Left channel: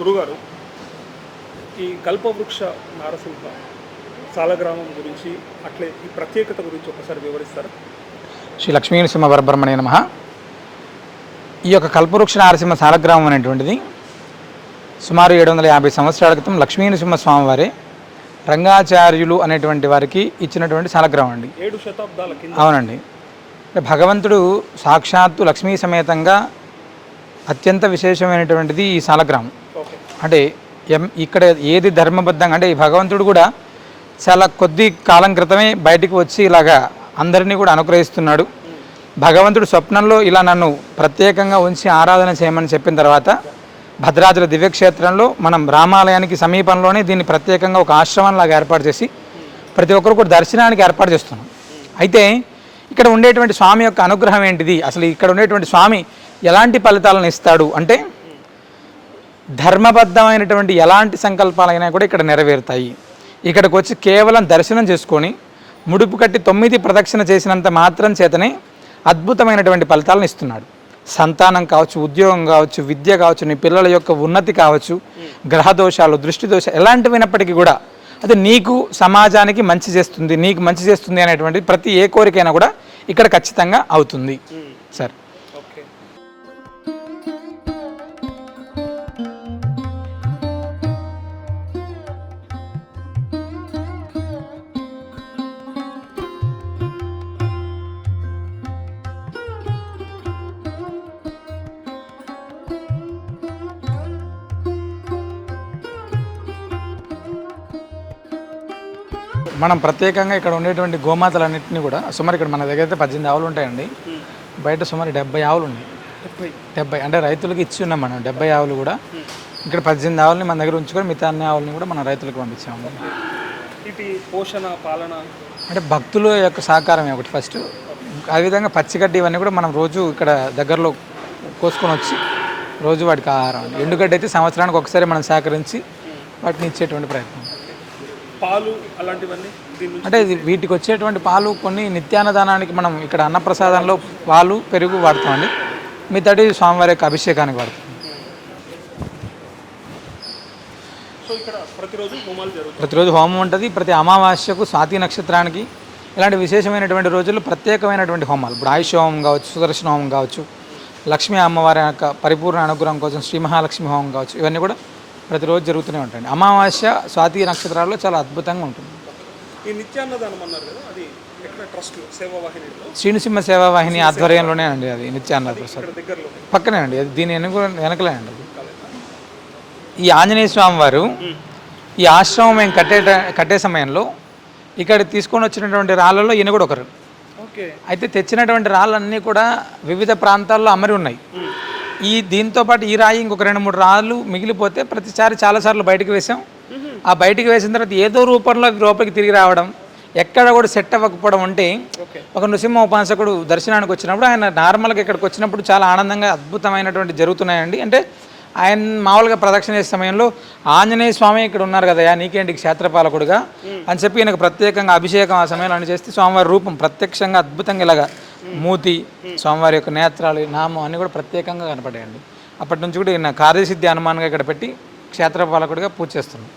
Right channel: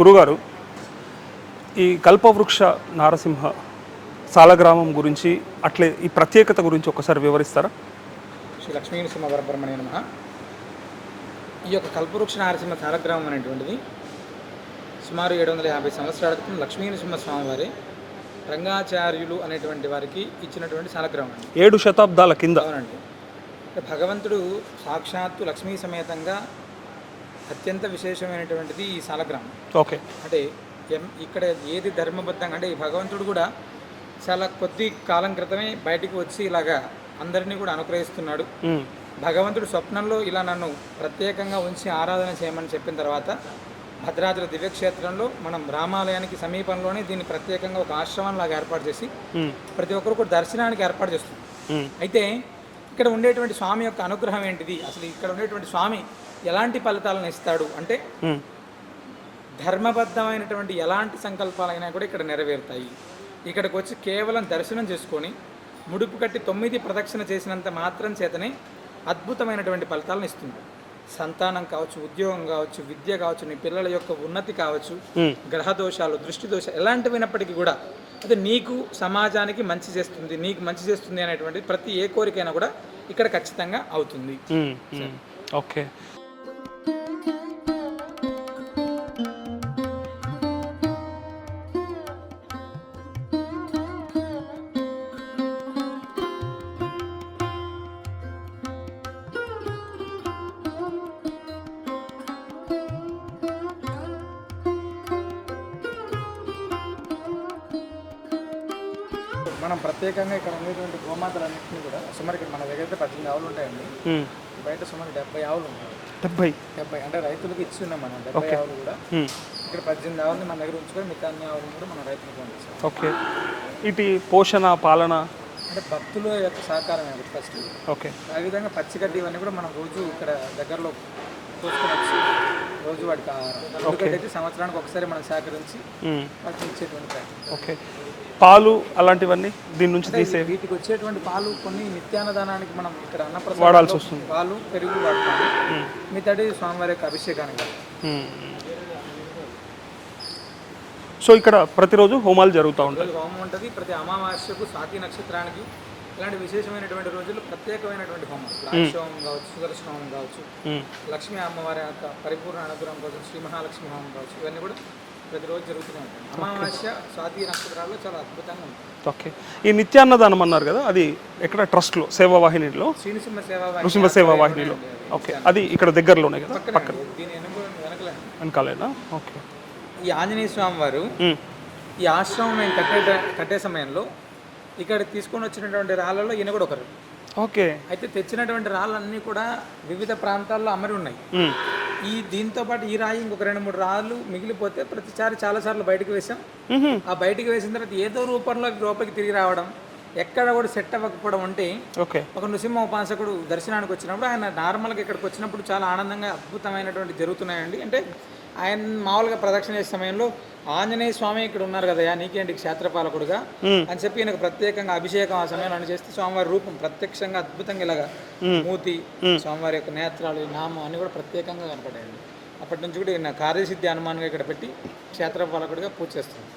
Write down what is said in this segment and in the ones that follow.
గురుగారు, ఈ కల్పవృక్ష నారసింహ సాలగ్రామం గురించి అట్లే ఈ ప్రత్యేకత గురించి ఒకసారి వివరిస్తారా? శ్రీ లక్ష్మీనరసింహ వరబ్రహ్మణ్య నమః. ఈ యొక్క కల్పవృక్ష నారసింహ సాలగ్రామం అనేటువంటిది సుమారు 750 సంవత్సరాల క్రితం లక్ష్మీనరసింహ స్వామివారే రంగాచార్యులు అనేటువంటి వారికి ఇచ్చినటువంటి సాలగ్రామం అండి. 7 శతాబ్దాల కింద. అవునండి. భగవంతుడు సాక్షాత్తు లక్ష్మీ సమేతంగా అత్యంత విశేషమైనటువంటిది ఈ సాలగ్రామం. ఓకే. అంటే ఇక్కడ ఏది ధర్మబద్ధంగా అంటే ఈ భగవంతుడు కూడా చాలా కొద్ది కాలం క్రితమే బయటికి వచ్చి ఇలాగా అందరినీ కూడా అనుగ్రహిస్తున్నాడు. భగవంతుడు స్వప్నంలో ఇలా నన్ను ప్రత్యేకంగా ఉంచి ఆరాధన చేయమని చెప్పిన తర్వాత భద్రాచల దివ్యక్షేత్రంలో మనం రామాలయానికి సమీపంలోనే దీన్ని ప్రత్యేకంగా ఒక ఆశ్రమంలాగా ఏర్పాటు చేసి ప్రతి ఒక్కరు కూడా దర్శనానికి ఏర్పాటు చేస్తున్నాం. అయితే ఇక్కడ ఉండేటువంటి స్వామి యొక్క అనుగ్రహం ఏంటిది, అసలు ఇక్కడ ఉండేటువంటి స్వామి ఎలాంటి ఫలితాలను ఇస్తాడు అంటే ధర్మబద్ధమైనటువంటి ఎలాంటి సంకల్పాలైనా కూడా ఇక్కడ నెరవేరుతాయి. ఇక్కడికి వచ్చి కేవలం దర్శనం చేసుకొని ముడుపు కట్టి 9 ప్రదక్షిణ చేసినంత మాత్రం చేతనే అద్భుతమైనటువంటి ఫలితాలను ఇస్తున్నాడు. సంతానం కావచ్చు, ఉద్యోగం కావచ్చు, విద్య కావచ్చు, నీ పిల్లల యొక్క ఉన్నతి కావచ్చు, గ్రహ దోషాలు, దృష్టి దోషాలు ఎలాంటివైనప్పటికీ కూడా అది నీకు సమాజానికి మంచి చేస్తుంది, నీకు మంచి చేస్తుంది అనేటువంటి ప్రతి ఏ కోరికైనా కూడా ఇక్కడ ఖచ్చితంగా అవుతుంది. సరే, ఓకే. మనం ప్రత్యేకంగా ఇక్కడ ఉండేటువంటి గోమాతలన్నింటినీ కూడా సుమారు ఇక్కడ మన దగ్గర అయితే 18 ఆవులు ఉంటాయండి. బయట సుమారు 70 ఆవులు ఉన్నాయి. 70 అంటే రైతులకు ఇచ్చి ఉన్నాం మనం. 70 ఆవులు కూడా ఇక్కడ 18 ఆవులని మన దగ్గర ఉంచుకొని మిగతా అన్ని ఆవులని కూడా మన రైతులకు పంపించాము. ఓకే. ఇటు పోషణ పాలన అంటే భక్తుల యొక్క సహకారమే ఒకటి ఫస్ట్. ఓకే. అదేవిధంగా పచ్చిగడ్డి ఇవన్నీ కూడా మనం రోజు ఇక్కడ దగ్గరలో కోసుకొని వచ్చి రోజు వాటికి ఆహారం. ఎండుగడ్డి అయితే సంవత్సరానికి ఒకసారి మనం సేకరించి వాటిని ఇచ్చేటువంటి ప్రయత్నం. ఓకే. పాలు అలాంటివన్నీ దీని నుంచి అంటే వీటికి వచ్చేటువంటి పాలు కొన్ని నిత్యాన్నదానానికి మనం ఇక్కడ అన్నప్రసాదాల్లో పాలు పెరుగు వాడుతామండి. మిగతాది స్వామివారి యొక్క అభిషేకానికి వాడుతాం. సో ఇక్కడ ప్రతిరోజు హోమాలు జరుగుతాయి. ప్రతిరోజు హోమం ఉంటుంది. ప్రతి అమావాస్యకు స్వాతి నక్షత్రానికి ఇలాంటి విశేషమైనటువంటి రోజుల్లో ప్రత్యేకమైనటువంటి హోమాలు, ఇప్పుడు ఆయుష్ హోమం కావచ్చు, సుదర్శన హోమం కావచ్చు, లక్ష్మీ అమ్మవారి యొక్క పరిపూర్ణ అనుగ్రహం కోసం శ్రీ మహాలక్ష్మి హోమం కావచ్చు, ఇవన్నీ కూడా ప్రతిరోజు జరుగుతూనే ఉంటాయండి. అమావాస్య స్వాతి నక్షత్రాల్లో చాలా అద్భుతంగా ఉంటుంది. ఓకే. ఈ నిత్యాన్నదానం అన్నారు కదా, అది ఎక్కడ ట్రస్ట్లో సేవావాహినిలో శ్రీనృసింహ సేవావాహిని ఆధ్వర్యంలోనే అండి. అది నిత్యాన్న అది ఇక్కడ దగ్గరలోనే పక్కనే అండి. దీని వెనకలే అండి. వెనకాలేనా? ఓకే. ఈ ఆంజనేయ స్వామి వారు ఈ ఆశ్రమం మేము కట్టే సమయంలో ఇక్కడ తీసుకొని వచ్చినటువంటి రాళ్ళలో ఈయన కూడా ఒకరు. ఓకే. అయితే తెచ్చినటువంటి రాళ్ళన్నీ కూడా వివిధ ప్రాంతాల్లో అమరి ఉన్నాయి. దీంతో పాటు ఈ రాయి ఇంకొక 2-3 రాళ్ళు మిగిలిపోతే ప్రతిసారి చాలాసార్లు బయటకు వేసాం. ఆ బయటకు వేసిన తర్వాత ఏదో రూపంలో లోపలికి తిరిగి రావడం, ఎక్కడ కూడా సెట్ అవ్వకపోవడం ఉంటే ఒక నృసింహ ఉపాసకుడు దర్శనానికి వచ్చినప్పుడు ఆయన నార్మల్గా ఇక్కడికి వచ్చినప్పుడు చాలా ఆనందంగా అద్భుతమైనటువంటి జరుగుతున్నాయండి. అంటే ఆయన మామూలుగా ప్రదక్షిణ చేసే సమయంలో ఆంజనేయ స్వామి ఇక్కడ ఉన్నారు కదా, నీకేంటి క్షేత్రపాలకుడుగా అని చెప్పి ఈయనకు ప్రత్యేకంగా అభిషేకం ఆ సమయంలో అని చేస్తే స్వామివారి రూపం ప్రత్యక్షంగా అద్భుతంగా ఇలాగా మూతి, స్వామివారి యొక్క నేత్రాలు, నామం అన్నీ కూడా ప్రత్యేకంగా కనపడాయండి. అప్పటి నుంచి కూడా ఈయన కార్యసిద్ధి హనుమాన్గా ఇక్కడ పెట్టి క్షేత్రపాలకుడిగా పూజ చేస్తున్నాం.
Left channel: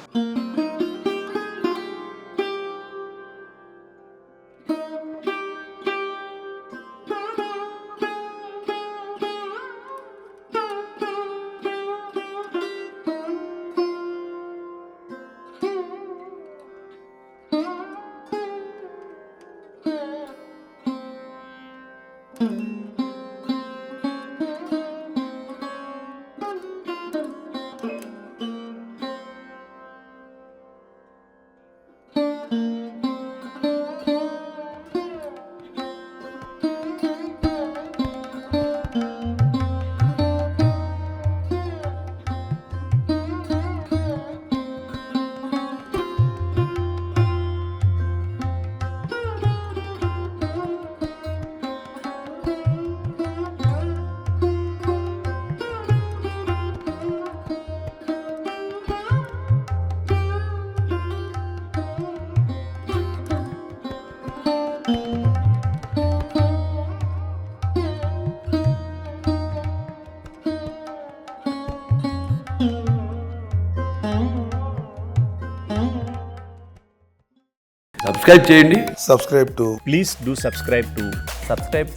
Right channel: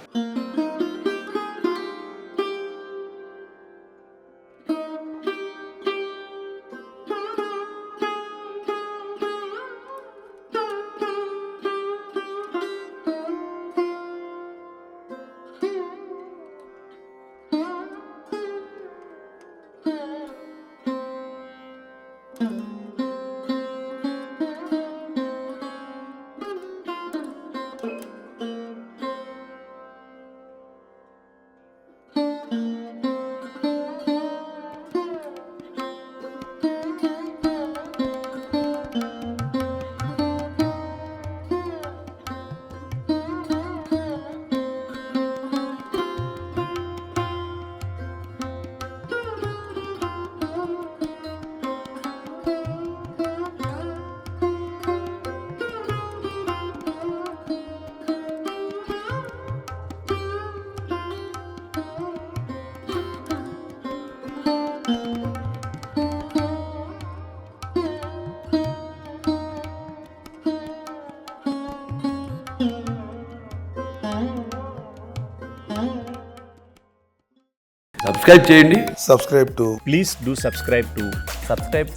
సబ్స్క్రైబ్ చేయండి. subscribe to Please do subscribe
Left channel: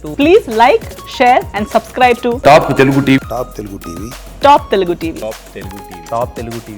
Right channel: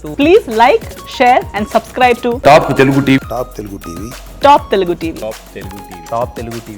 to Please like, share and subscribe to top Telugu TV. Top Telugu TV. Top Telugu TV. Top Telugu TV.